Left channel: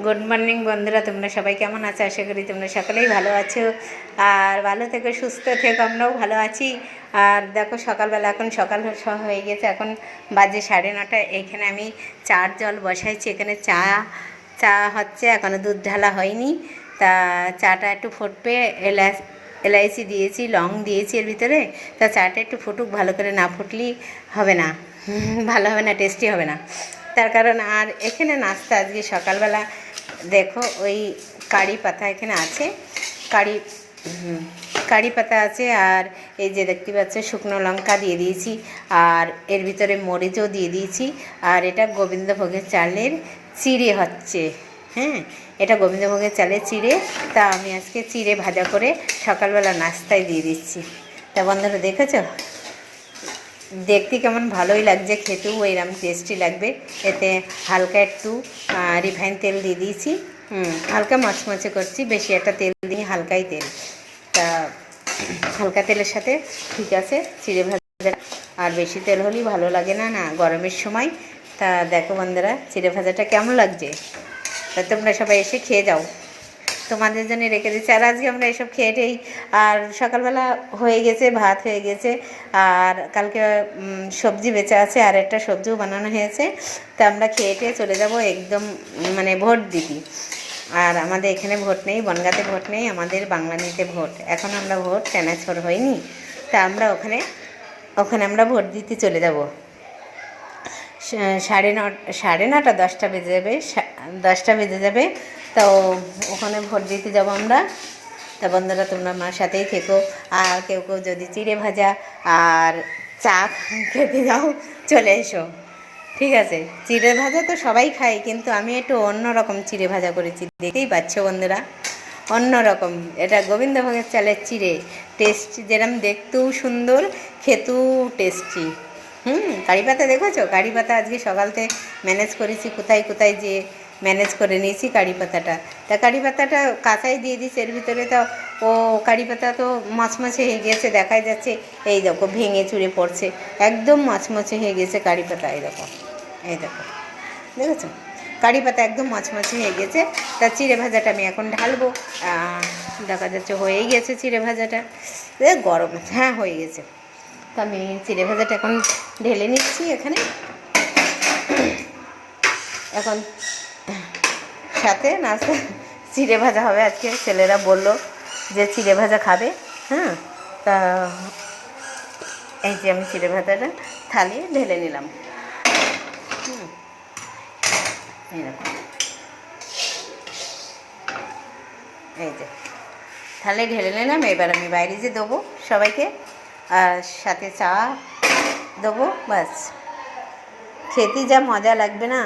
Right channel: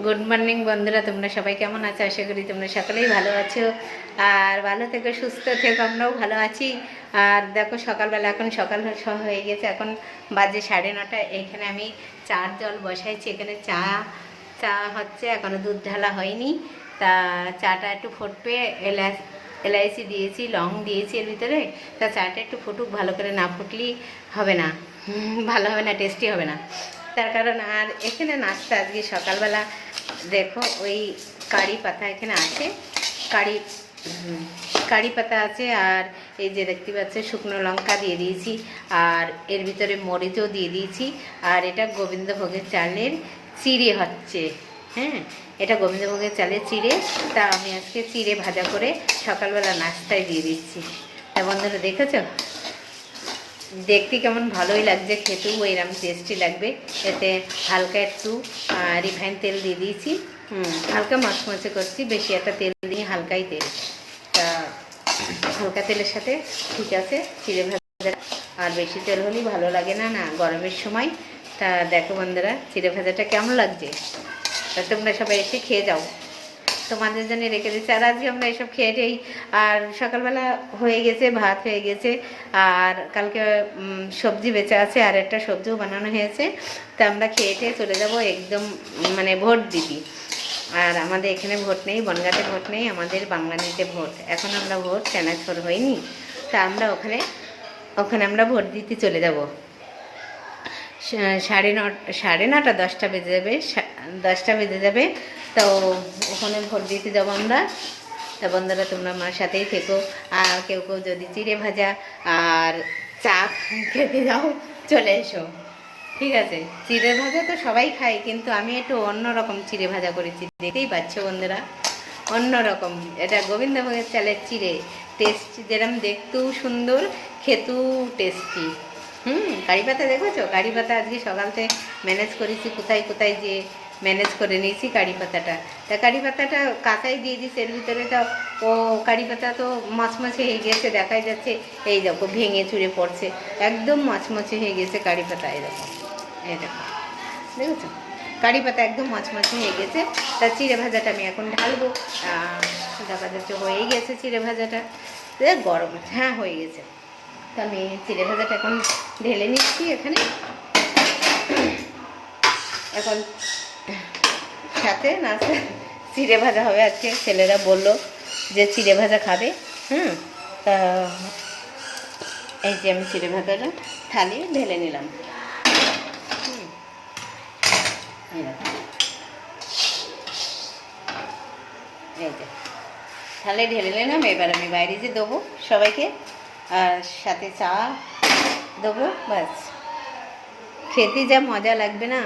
Good morning বন্ধুরা, তোমরা সবাই কেমন আছো? আশা করি তোমরা সকলেই ভালো আছো। আর ভালো থেকো, সুস্থ থেকো, আমরাও ভালো আছি। আর দেখো সকালবেলা, এখন সকাল হয়ে গেছে, এখন বাজে 9:30। এইখানে আমি চার জল বসাইছি, এখানে চা চা হচ্ছে, এখনও দুধ ঢালা হয়নি। তা চাটা একটু ফুটবে, এলাইচি দিয়েছি, লং দিয়েছি এর ভিতরে। তা চাটা একটু ফুটুক, ভালো করে না ফুটলেই হবে না, ভালো হবে না, টেস্টি হবে না। তার কারণ আর এখানে নাস্তা আজকে সকালবেলা দেখো ওই কারি পাতা এখানে আছে, কারি কারি পাতা আছে, আর এই যে দেখতে পাচ্ছ শুকনো লঙ্কা দিয়ে দিয়েছি, আর এর ভিতরে মরিচও দিয়ে দিয়েছি। আর এটা গোবিন্দভোগের চালের চিড়ে হচ্ছে, হ্যাঁ, এটা গোবিন্দভোগের চালের চিড়ে। তা আমি আজকে চিড়ে ভাজা করে সকালবেলা নাস্তায় দিয়ে দিচ্ছি। তা বন্ধুরা দেখেছো, দেখতে কেমন ভালোই লাগছে, খেতেও এরকম টেস্টি লাগবে। এতে হালকা একটু রিফাইন তেল দিয়ে দিয়েছি, হালকা মচমচে করছি, বেশি একটা তেল দিই, হালকাই তেল। তা হালকা তেলের সাথে ঠিক আছে চিড়ে ভাজা। আর বেশি তেল হলেই ভালো লাগে না, না গরমের সময়। তা দেখো বন্ধুরা চিড়ে ভাজাটা কেমন লাগছে, তা তোমরা সবাই এসে খেয়ে যাও, তোমাদের জন্য রেখে দিচ্ছি। আর আজকে আমরা এসব খেয়েটেই, আর সকালবেলা হয়ে গেছে, ভাত হয়ে গেছে, আর কালকে সবজি বেঁচে আছে, আর একটা সবজিও বানানো হয়েছে। তা আমরা খেয়েটে চলে যাব একদম, মানে ভোট দিবি। আর আমাদের এখানে ভোট নেই, বনগাঁতে ভোট নেই, আমাদের বাংলানিতে ভোট। এখন আমরা ভোট ট্রান্সফার হয়নি, তা আমরা ওখানে আমরা ভোট দিতে চলে যাব। 9:30 10টা বেজে যাবে, 10টা বেজে যাবে। তো ওখানে ভোট দিতে যাব আমরা। তা বন্ধুরা তোমরা আমার সাথেই থেকো। আর কেউ কেউ যদি চিড়ে ভাজা আর চা খেতে যাও, চলে এসো, ঠিক আছে। চিড়ে ভাজা তো সবাই খায়, কিন্তু আমি একটু অন্যরকম চিড়ে ভাজা করেছি, দেখতেই পাচ্ছ বন্ধুরা, অন্যরকম। এটা গোবিন্দভোগের চালের চিড়ে, টেস্ট যেরকম দেখতেও সুন্দর, খেতেও টেস্টি। কারি পাতা দেখেছো, কারি পাতা আজকে সকালতে ম্যানেজ করেছি, কোথায় কোথায় যে ম্যানেজ করে নিয়েছি কারি পাতাটা। তা কারি পাতাটা কাঁচাই দিয়ে দিয়েছি এর ভিতরে। তো ও কারি পাতা তো মচমচে হয়ে গেছে, দেখাই যাচ্ছে, এই দেখো ভেঙে চুরে পড়ছে, একদম মচমচে হয়ে গেছে কারি পাতা। এই দেখো, এই দেখো, দেখেছো কারি পাতা একদম মচমচে হয়ে গেছে। তা চিড়ে ভাজাটা আমি এখন ঢালবো। দেখা যাচ্ছে হয়েই গেছে চিড়ে ভাজাটা, গরম, হ্যাঁ হয়ে গেছে। তো আমি চিড়ে ভাজাটা এখন ঢেলে নিচ্ছি এখানে। এখন সাথে নাস্তা চিড়ে ভাজা হবে আজকে, ছেলেরা বললো যে চিড়ে ভাজা খাবে, হ্যাঁ। তা এই যে আমি চিড়ে ভাজাটা থালি ঢেলে নিলাম, এই যে থালে ঢেলে নিলাম। এবার আমি বাইরে যে দেবো সবাইকে, আর সাথে চা দেবো, ব্যাস। খেতে যা মজা লাগবে না।